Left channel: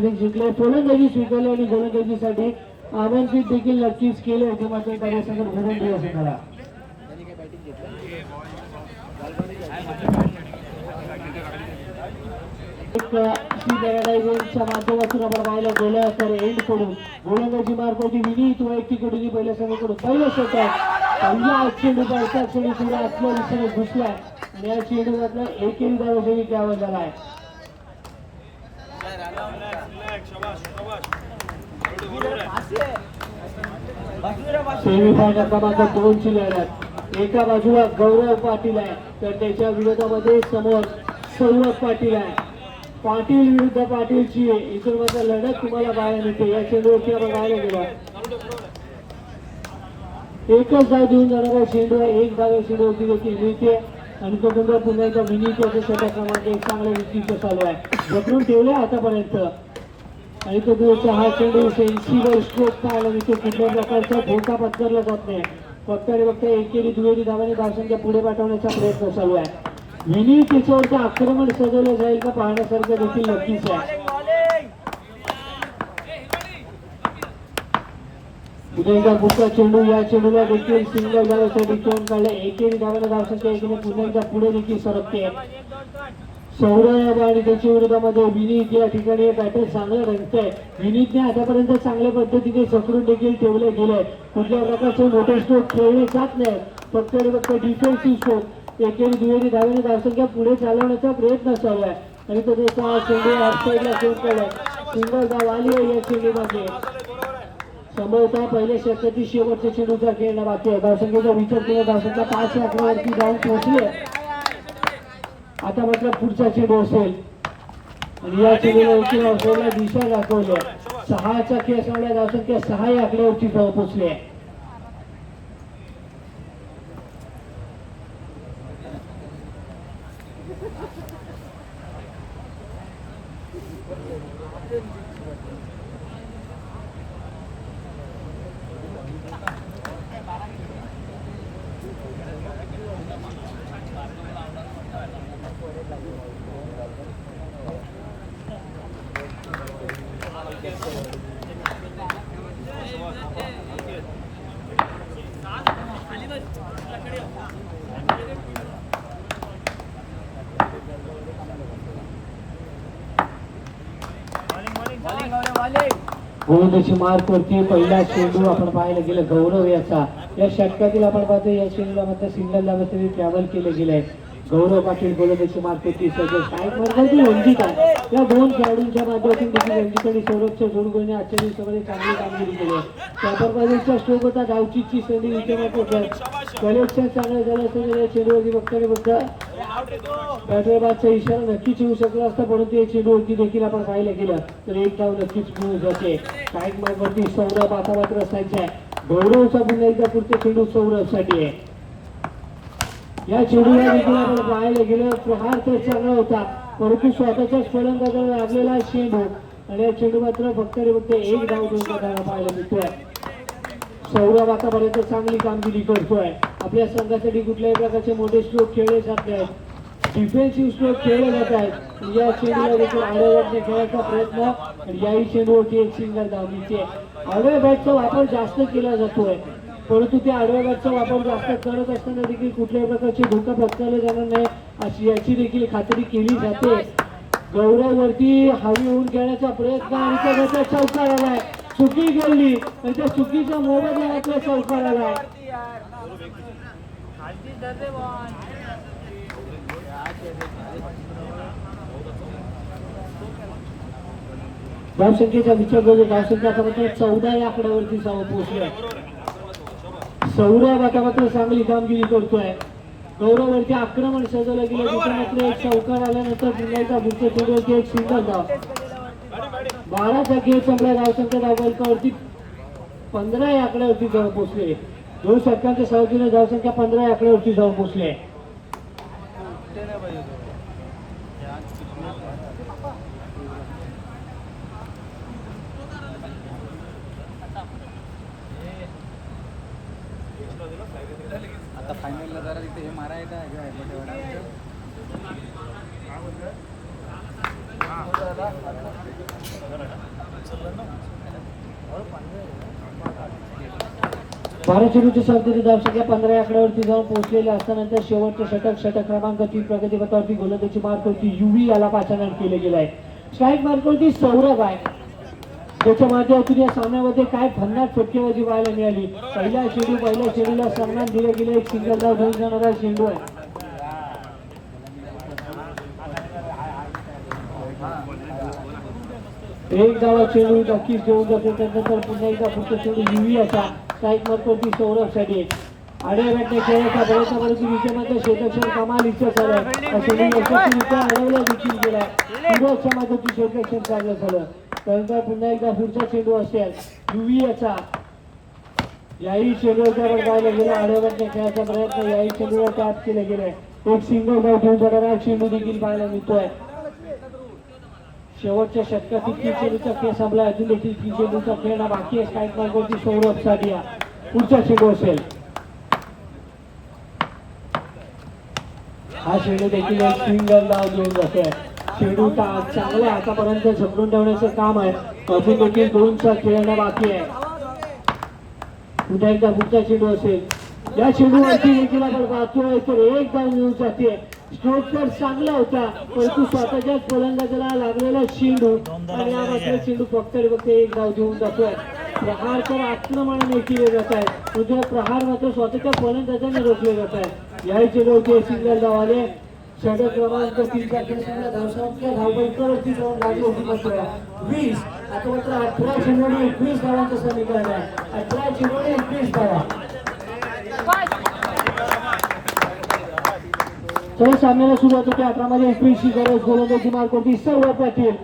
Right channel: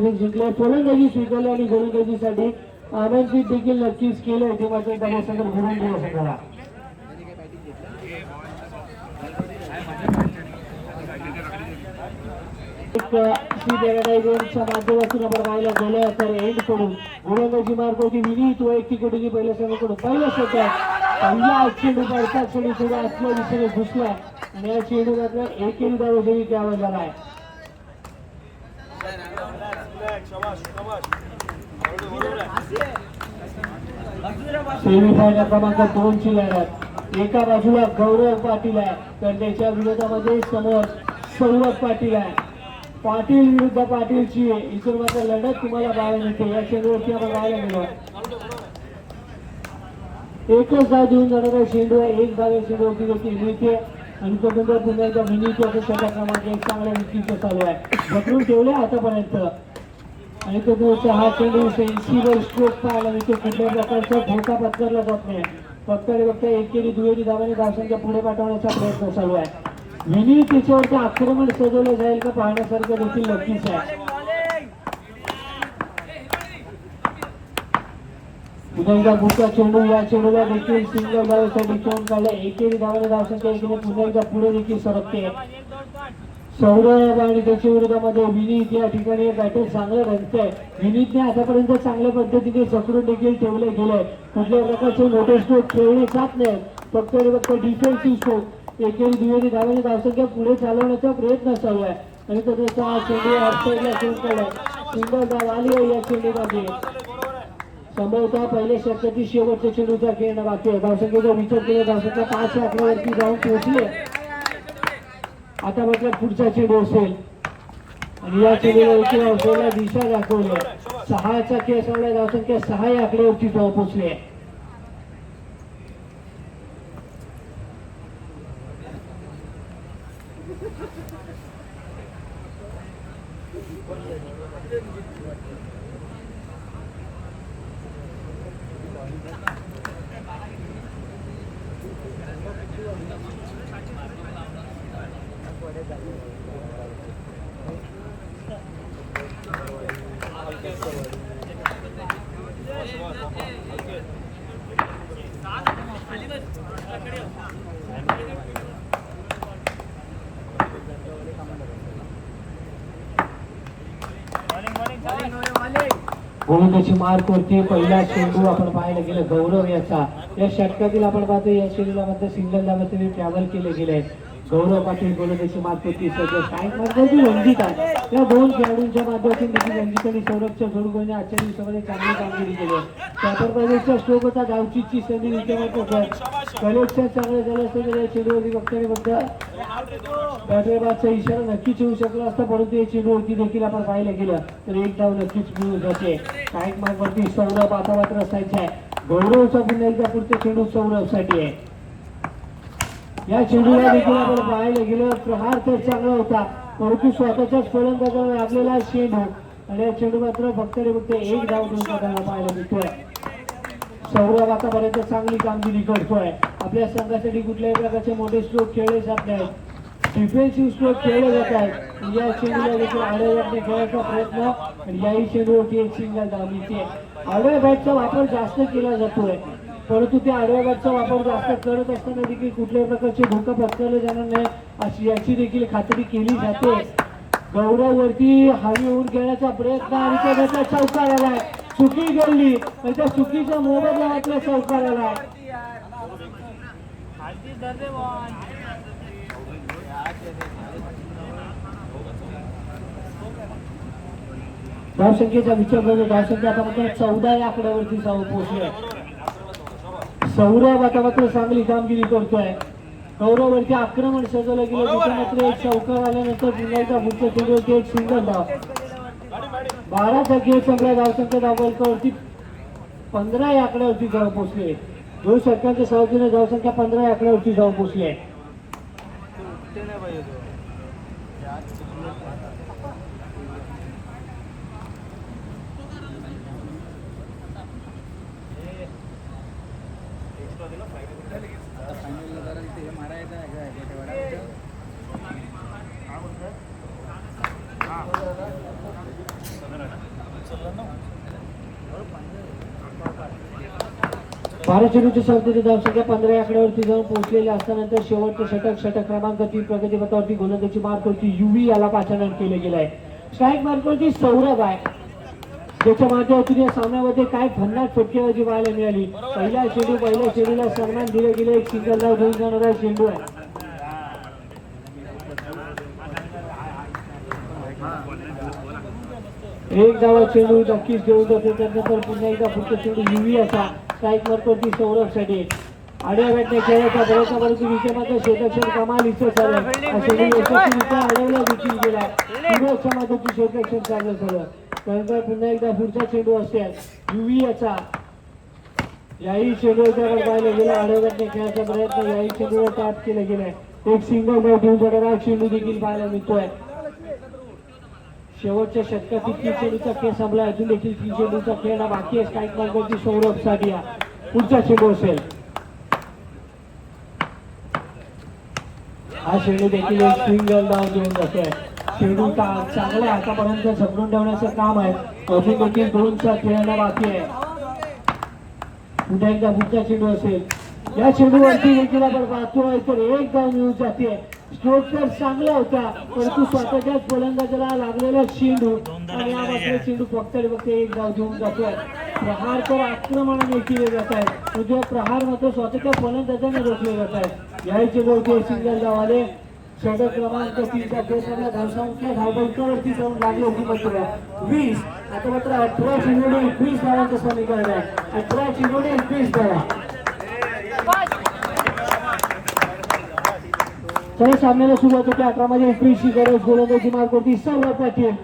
जिंकले फलंदाजी स्वीकारली आणि गोलंदाजीसाठी आमंत्रित देखील नक्कीच केलं होते मात्र त्याने घडून दिलं संघाला. माध्यमातून आपण पाहायला गेल्या तर एंड करून गोलंदाजी मार्ग होती विनीत वैयक्तिक गतीने पहिल्या संघाकडून पहिल्या षटकात पहिल्या चेंडू पडतात चेंडू थोडे आतल्या दिशेने घुसला आणि या चेंडू मात्र एकही धाव त्यावर झालाय. सेमीफायनल क्रमांक 2 ची लढत एका बाजूला गौरव पाटील आहे तर त्याच्या विरोधामध्ये समोर सौरभ पाटील आहे. पाटील विरुद्ध पाटीलची इथून मात्र लढत तुम्हाला पाहायला मिळते. या चेंडूवरती आपण पाहायला गेलो एकच धाव देऊन जाणारा चेंडू एक धाव चेंडूवरती देखील मिळते आणि तो पुन्हा पुन्हा विनीत याचा षटक क्रमांक 1 चांगल्या रीतीने चालू आहे पकडून ठेवले आतापर्यंत आणि तो दूरचा हा चेंडू सेन्सिबल स्ट्रोक पाहायला मिळते. कुठल्या प्रकारचा धोका पत्करला जात नाही. बघता एकेरी दुहेरी धावाने धावसंख्या पुढे पाठवण्याचा प्रयत्न चालू आहे. विनीत त्याच्यावरचं आक्रमण सजवलं जाईल का पाहण्यासारखं देखील नक्कीच आहे. पुढचा चेंडू या चेंडूला देखील सिंगल धावासाठी चोन काढला. एकेरी धावाने धावसंख्या एकीने पुन्हा एकदा पुढे देखील सरकते. सौरभ आणि त्याच्या विरोधामध्ये विनीत या ठिकाणी बॅटर चांगलं रंगतंय. विनीतने आतापर्यंत चांगल्या पद्धतीने चक्रून देखील ठेवले गेले. कुठल्या प्रकारचे मोठे स्ट्रोक खेळले जात नाही फक्त डिफेन्सिव्ह स्ट्रोक एकेरी दुहेरी धावाने धावसंख्या पुढे चालवण्याचा प्रयत्न चालू आहे आणि तो सिंगल धाव आली या चेंडूमध्ये. संभवतः पहिल्या षटकातील शेवटच्या चेंडूचा खेळ बाकी आहे. धावसंख्येचा विचार केला धावसंख्या 5 आकड्यावरती जाऊन पोहोचली. आता मात्र पुढचा चेंडू असेल आणि या चेंडूला दिशा दाखवली. 6चा खेळ सगळ्या धावसंख्या 6 आकड्यावरती धाव पोहोचली आहे. गोलंदाजी मार्क वरती पहिला चेंडू आपण पाहायला गेलं गौरव याचा. या षटकातील आपण पाहतो या चेंडूला मध्ये सिंगल धावासाठी ट्रॅव्हल केले गेले. गौरव पाटील गोलंदाजी मार्क वरती या दोन खेळाडूंच्या माध्यमातून देखील सौरभच्या जोडगोलने आजच्या सगळे चांगली कामगिरी केली. पेपरबाजीचा स्ट्रोक होता धावचीची संधी कलेक्शन चांगलं झालं असं या चेंडूवरती बघता हैदराबादचा इशारा नक्कीच येऊ शकला असता परंतु या चेंडूवरती देखील आपण पाहिलं गेलं तर एक धाव नक्कीच मिळू जाते. स्ट्राईक मार्कवरती सौरभ आता मात्र असायचा आहे. गौरवचा पुन्हा एकदा पुढचे चेंडू सौरभसाठी आहे. या चेंडूला देखील आपण पाहायला गेलं प्रहार तर चांगला होता परंतु स्वतःच्याच फलंदाजाला लागलेला चेंडू आणि या चेंडू मात्र बघता एक धाव देऊन पाहायला मिळतोय. सौरभ आतापर्यंत चांगली कामगिरी करतोय. आपल्या संघासाठी कुठल्याही प्रकारचे मोठे स्ट्रोक खेळले जात नाहीत. डिफेन्सिव्ह स्ट्रोक खेळले जातात. या चेंडूला देखील आडव्या खेळायचा प्रयत्न आणि याही चेंडूवरती एक सिंगल धाव मिळते. आडव्या बॅटचा वापर जास्त केला जातोय परंतु त्या आडव्या बॅटचा वापर जास्त करत असताना देखील कुठल्याही प्रकारचे धोका पत्करले जाणार नाही अशी याची देखील खात्री केली जाते. गौरववरती हवी होऊन घेण्याचा प्रयत्न आणि त्याचा चौका आलाय. चुकी गेली आणि त्या चुकीचा मोबदला आपल्या चौकार आलाय. धावसंख्येचा विचार करू धावसंख्या आता 14 या आकड्यावरती जाऊन पोहोचले. सौरभ आता मात्र चांगली कामगिरी करतोय. गौरववरती आक्रमण सजवलं गेलं त्याच्यानंतर एक चौकार आल्यानंतर पुन्हा एकदा पुढच्या चेंडूवरती एक सिंगल धाव. 12चा खेळ संपला. धावसंख्या धावफलकावरती 15 या आकड्यावरती जाऊन पोहोचले. 2 षटकांच्या सहजीने धावसंख्या 15 या आकड्यावरती जाऊन पोहोचले. आता फायनलला जरा तिथे हे मारायचं आहे गोटेवाडा. भारत चेंडूची संख्येची धावसंख्या 15 आकड्यावरती जाऊन पोहोचलेले असताना शेवटचे षटक क्रमांक 3 प्रगतीपथावरती गोलंदाजी मार्कवरती युवी याला पाचारण केले गेले आहे. स्ट्राईक मार्कवरती सौरभ आहे, त्याच्या माध्यमातून या सामन्यामध्ये काय भन्नाट फटकेबाजी पाहायला मिळाली. पहिल्या चेंडूला सन्मान दिला गेला, एक सिंगल धाव घेऊन जाणारा चेंडू आहे. एक धावा चेंडू नक्कीच घेऊन जातो. त्यानंतर पुन्हा एकदा फक्त चेंडू युवी असा स्ट्राईक मार्कवरती सौरभसाठी आड्या भेटणे खेळायचा बळाचा परंतु विजयानंतर क्षेत्ररक्षण कमालीचं झालं. अडवला देखील गेला. विभागच्या माध्यमातून क्षेत्ररक्षण चांगलं झालं. त्यानंतर पुन्हा एकदा पुढचा चेंडू असेल युवी याचा. याही चेंडूवर पाहिलं गेलं. आड्या भेटणे खेळायचा प्रयत्न याही चेंडूवर टॅप केले गेले. एक सिंगल धाव घेऊन जाणारा चेंडू देखील पाहायला मिळतोय. शेवटच्या षटकातील 3 चेंडूचा खेळ संपला. अजून देखील 3 चेंडूचा खेळ हा बाकी आहे. स्ट्राईक मार्कवरती सौरभ साडिया पुढचा चेंडू असेल. हा चेंडू देखील एक सिंगल धाव घेऊन जातोय. चेंडू चांगला आतापर्यंत झपडून ठेवण्याचं काम आहे. अजून देखील 2 साल खेळणं बाकी आहे. पुन्हा एकदा पुढचा चेंडू असेल. या चेंडूवरती देखील आपण पाहतोय तर एक धाव मिळून जाते. स्ट्रोक तर चांगला होता परंतु स्वतःच्याच फलंदाजाला लागलेला चेंडू आणि चेंडू फक्त एक धाव घेऊन जातोय. प्रहार तर आक्रमणाने केले जात आहे, म्हणजे प्रहार मात्र स्वतःच्या फलंदाजाने रोखले जात आहे. या चेंडूवरती सिंगल धाव आले. षटक क्रमांक 3 देशाला धावसंख्या धावबंकावरती जाऊन लागली होती मात्र 20. आता मात्र 18 चेंडूने 21 धावांचं समीकरण आहे. 18 चेंडूने 21 धावा. तरी सामन्याला सुरुवात होते. 18 मध्ये 21 गरज गोलंदाजी मार्कवरती सर्व पाटील.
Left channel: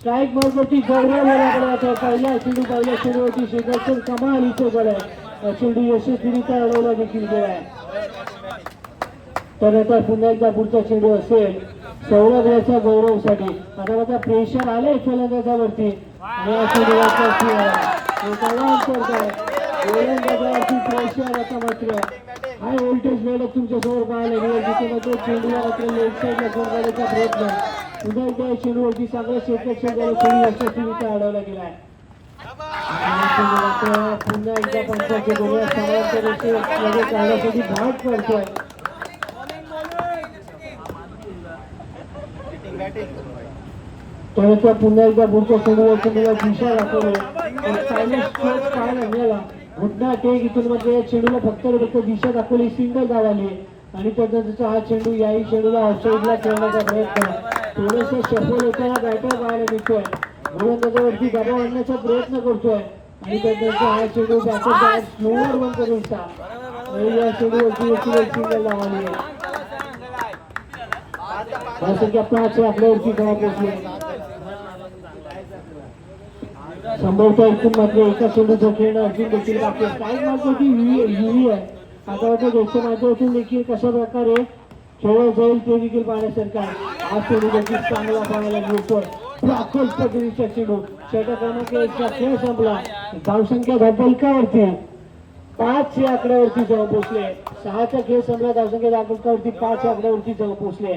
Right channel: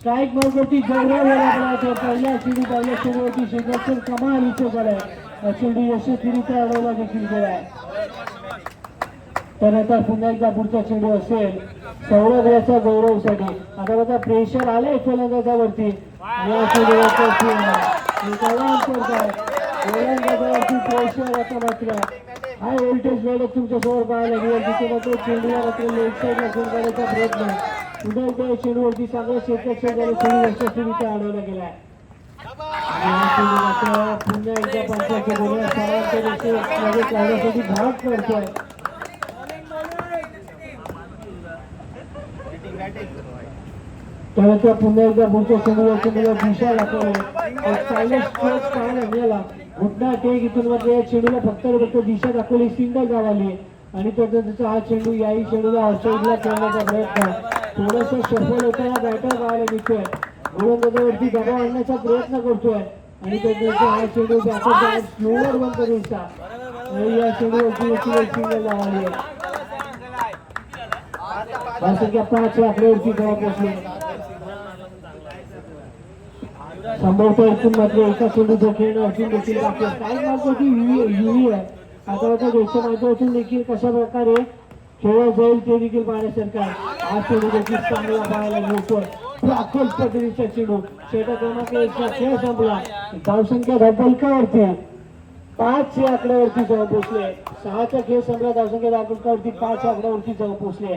स्ट्राईक मार्कवरती गौरव पहिल्या चेंडूवरती क्षेत्ररक्षण कमालीचं झालं. चेंडू यशस्वीरित्या अडवला देखील गेला. तर आता पुन्हा एकदा पुढचा चेंडू असेल सौरभच्या गौरवसाठी. आता प्रेशर आलंय फलंदाजावरती. या चेंडूवरती गोलंदाजावरती प्रेशर येतं मात्र हाय व्होल्टेज लढत तुमच्यासमोर पाहायला मिळेल. जिथे मात्र चेंडूला मात्र लेगसाईड करण्याचा प्रयत्न. पुन्हा एकदा चेंडूवरती चांगलं क्षेत्ररक्षण झालं. चेंडू यशस्वीरित्या अडवला गेला. पुन्हा एकदा पंचायत बोलूया सर्वांच्या भाग पडतोय. त्यानंतर पुन्हा एकदा पुढच्या चेंडूला दिशा दाखवली. चांगला स्ट्रोक पाहायला मिळाला. घुटना टेक इथून मध्ये चेंडूला फक्त दिशा दाखवली. सिंगल धाव आली आणि त्याचा हा चेंडू याही चेंडूला आउटसाईडला खेळण्याचा प्रयत्न. थोडंसं सफल होताना बॅटर पाहायला मिळतोय. गोलंदाजावरती दबाव आणण्याचा प्रयत्न करतोय आणि त्यानंतर हा चेंडू बॅटर स्लोवर बंद करून आणि या चेंडूवरती एक सिंगल धाव आली. धावसंख्या 5 आकड्यावरती खेळायची. संभवतः इथून मात्र एका चेंडूचा खेळ अर्जुन देखील बाकी आहे. काय मार्कवरती युवी आहे. आता देशच्या माध्यमातून देखील कशा प्रकारे खेळ जाईल ते देखील पाहण्यासारखं आहे. हा चेंडू देखील चांगला पाहायला मिळतोय. पद्धतीचा चेंडू षटक क्रमांक 1चा खेळ संपला. धावसंख्या धावफलकावरती 5 आकड्यावरती जाऊन पोहोचले. 6चा खेळ संपला. धावसंख्या धावफलकावरती 5 आकड्यावरती जाऊन पोहोचले.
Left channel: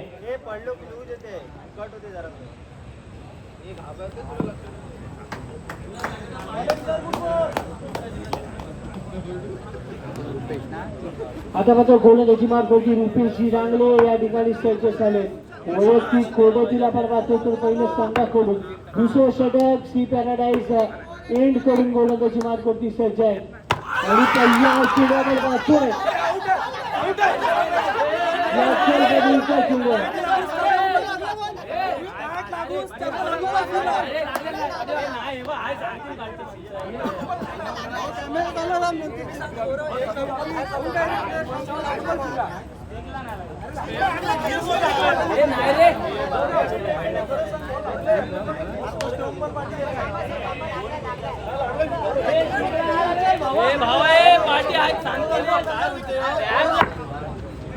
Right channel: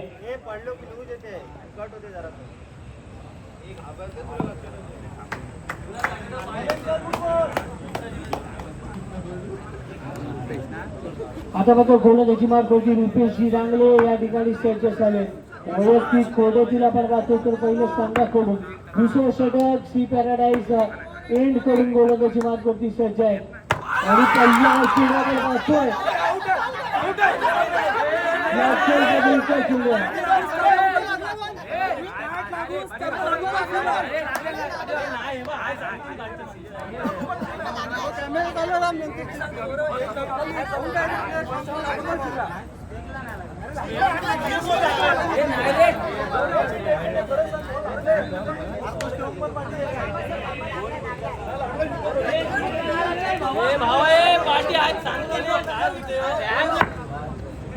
आता मात्र गोलंदाजी मार्कवरती रुपेश रांगले या ठिकाणी स्ट्रेचर्स आले. वैयक्तिक कोड्यातील आपण पाहतो तर पहिले संघाकडून दुसरे षटक सी पॅराडाईज एंड करून गोलंदाजी मार्कवरती सज्ज आहे आणि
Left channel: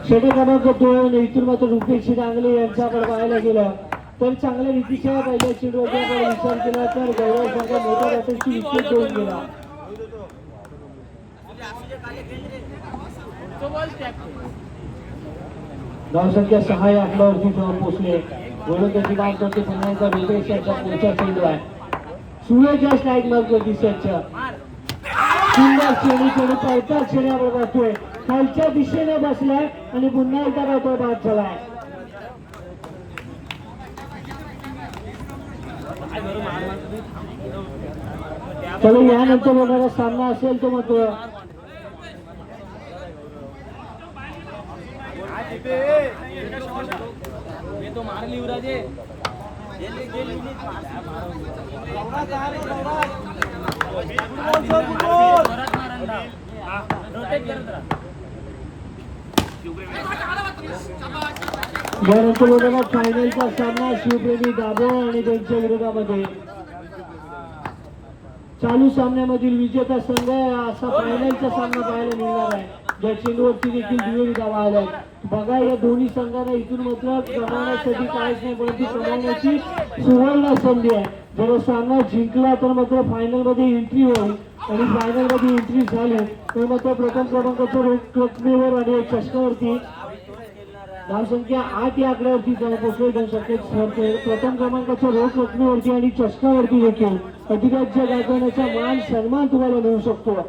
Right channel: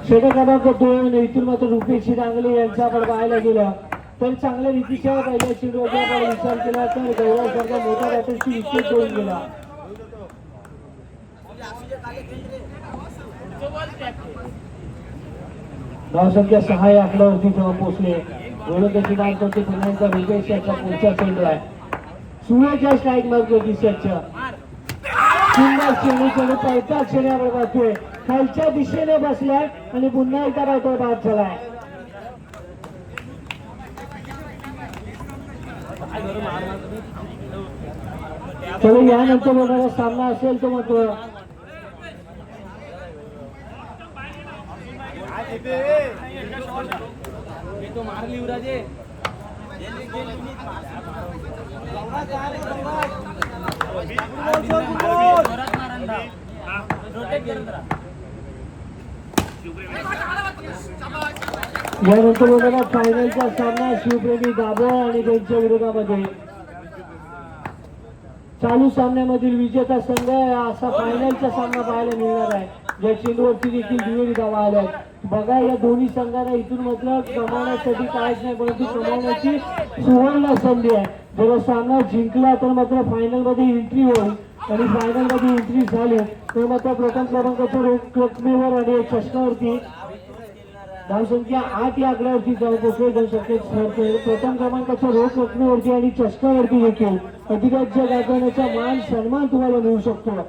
षटक क्रमांक 2 इथून मात्र रुपेश रांगले यांच्याकडे पाहायला गेलं तर चांगल्या रीतीच्या पहिल्या चेंडूवर विचार केला तर गौरव संघ मोठ्या बॅटर्सची विकेट देऊन गेला. धावसंख्या 6 आकड्यावरती जाऊन पोहोचले. गोलंदाजी मार्कवरती पुन्हा एकदा रुपेश यांचा पुढचा चेंडू आहे. सूर्याच्या स्ट्राईक मारतो दिशाच्या सुंदर चेंडू पळता चेहऱ्यावर जातोय खालच्या दिशेने बसलाय आणि पुन्हा एकदा काय तो बाद झालाय. चलो यानंतर बघायला सामना असेल तो मग तो मारली युवराजे यानंतर बघायला फायनलचा सामना शिवप्रेमी दाभोळ आणि त्यांच्या विरोधामध्ये. चालू सामन्यामधील विजेता संघ असा फायनलचा सामना पाहायला मिळणार आहे. या चेंडूवरती देखील दुहेरी धावा आल्या. बघा या दोन्ही संघांना इथून म्हटलं कमावण्यासाठी काहीच नाही परंतु कमावण्याची सुवर्ण संधी आहे. जर सामना जिंकला तर मात्र फायनल मध्ये एंट्री होईल आणि फायनल मध्ये एंट्री झाली तर मात्र प्रथम क्रमांकाच्या रकमेवर आणि चषकावरती धावसंख्या 8 या आकड्यावरती जाऊ पोहोचले जाऊ शकते. प्रथम क्रमांकाच्या रोख रकमेवरती आणि चषकावरती देखील अधिराज्य गाजवण्याचा मान सन्मान तुम्हाला मिळू शकतो.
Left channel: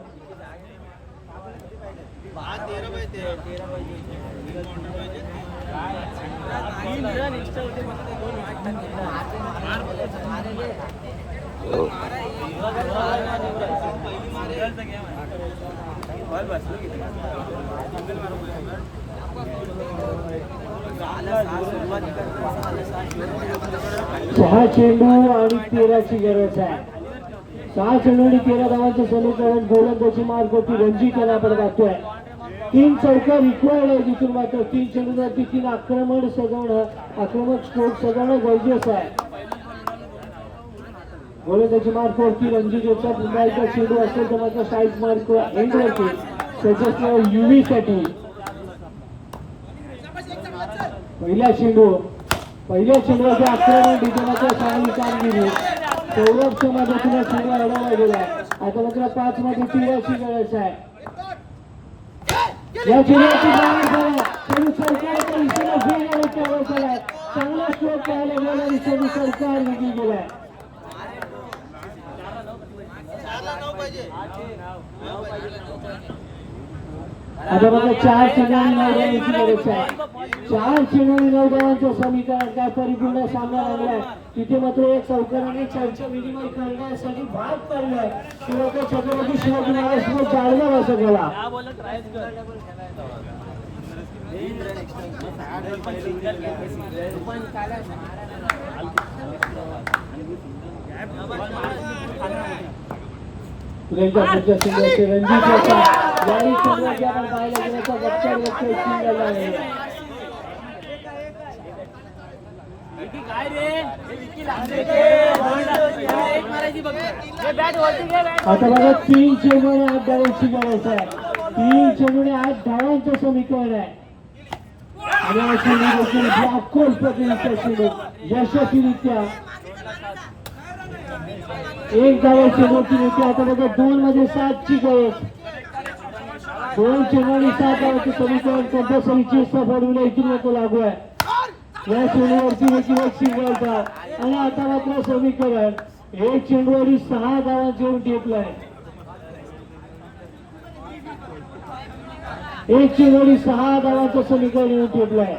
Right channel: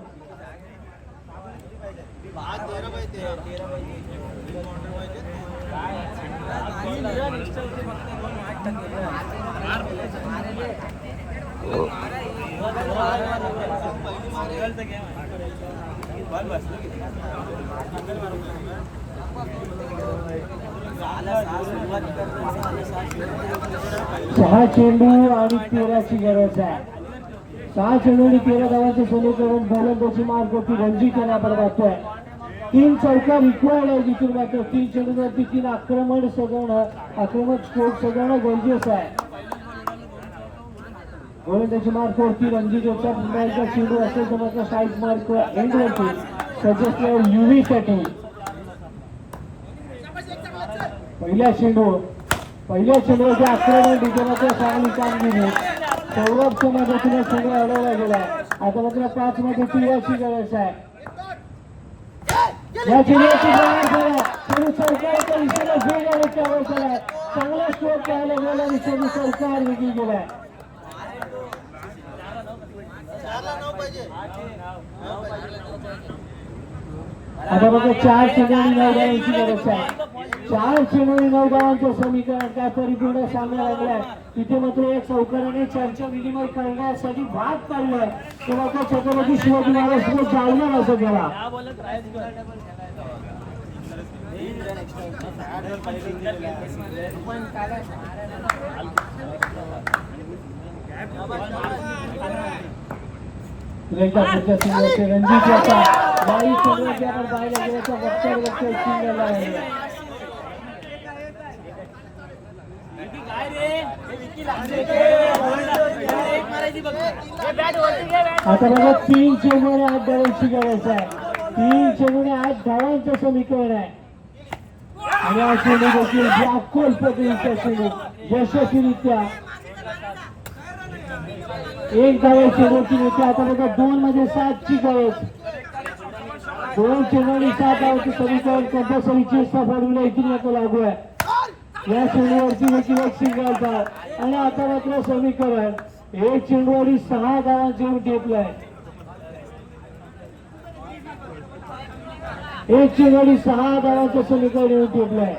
सहा चेंडू आणि 13ची गरज आहे. 6 चेंडू आणि 13 धावांचं समीकरण गोलंदाजी मार्गावरती रणजित यांना बदलतोय. 3 चौकार रिक्वायर्ड आहे जिथून मात्र 3 चेंडूवरती 3 आक्रमक स्ट्रोक सजवणं गरजेचं आहे. गोलंदाजी मार्गावरती रणजित याचा पुन्हा एकदा चेंडू असेल तर मात्र स्ट्राईक मार्क एंडवरती सजेस्ट युवी साठी पहिल्या चेंडूवरती आक्रमण डिझेलच्या 6 कामगिरी सौरभच्या मदतीने चेंडू अडवला गेला. आता मात्र 5 मध्ये 13ची गरज आहे. या चेंडूवरती चेंडू सरकारच्या दिशेने फेरण्याचा आवाज आला. चांगला स्ट्रोक पाहायला मिळाला आणि चेंडू सरकार निघून गेला. आता मात्र 4 चेंडू आणि 9 धावांची गरज आहे. 4 चेंडू आणि 9 धावांचं समीकरण काय परिपूर्ण सामना लागलाय. तिथे मात्र एक चौकाराने चर्चा विनिमय करण्यासाठी भाग पडलाय तेव्हा तो छत्रपती शिवाजी महाराज जालना बसत गेला. रणजित याने चेंडूवरती आपण पाहायला गेलं तर गप्पा झाला आहे. आता बघा 3 चेंडू आणि 8 धावांची गरज आहे. 3 चेंडू आणि 8 धावांचं समीकरण आहे आणि हा चेंडू देखील ब्लॅकहोल पद्धतीचा चेंडू यशस्वीरित्या 1 धावा चेंडूची होती. आता बघा 2 मध्ये 7ची गरज. 2 चेंडू आणि 7 धावांचे समीकरण कंपल्सरीची सफारीला इथून येतो लागू आहे. या चेंडूवरती देखील एक सिंगल धाव आणि आता मात्र समीकरण 1 चेंडू आणि 6 धावा जेवून टेकलाय. 1 चेंडू आणि 6 धावांचं समीकरण येऊन टेकलंय.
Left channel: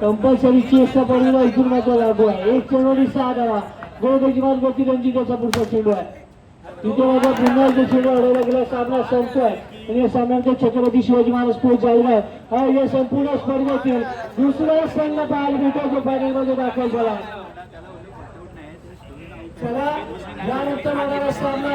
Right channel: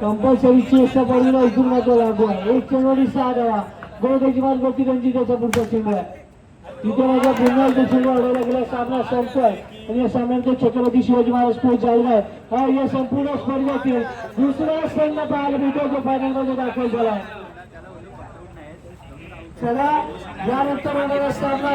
कंपल्सरीची सफारीला इथून येतो लागू आहे. 1 चेंडू आणि 6 धावा. गोलंदाजी मार्गावरती रणजिताचा पुढचा चेंडू आहे. तिथे माझ्या पुन्हा चेंडू हरवला गेला. सामना संपतोय आणि या सामन्यात छत्रपती शिवाजी महाराज पुढे जाऊन या संपूर्ण स्पर्धेतील दुसरा संघ पाहायला मिळतो जो फायनलमध्ये दाखल झाला. चला यानंतर होणारा सामना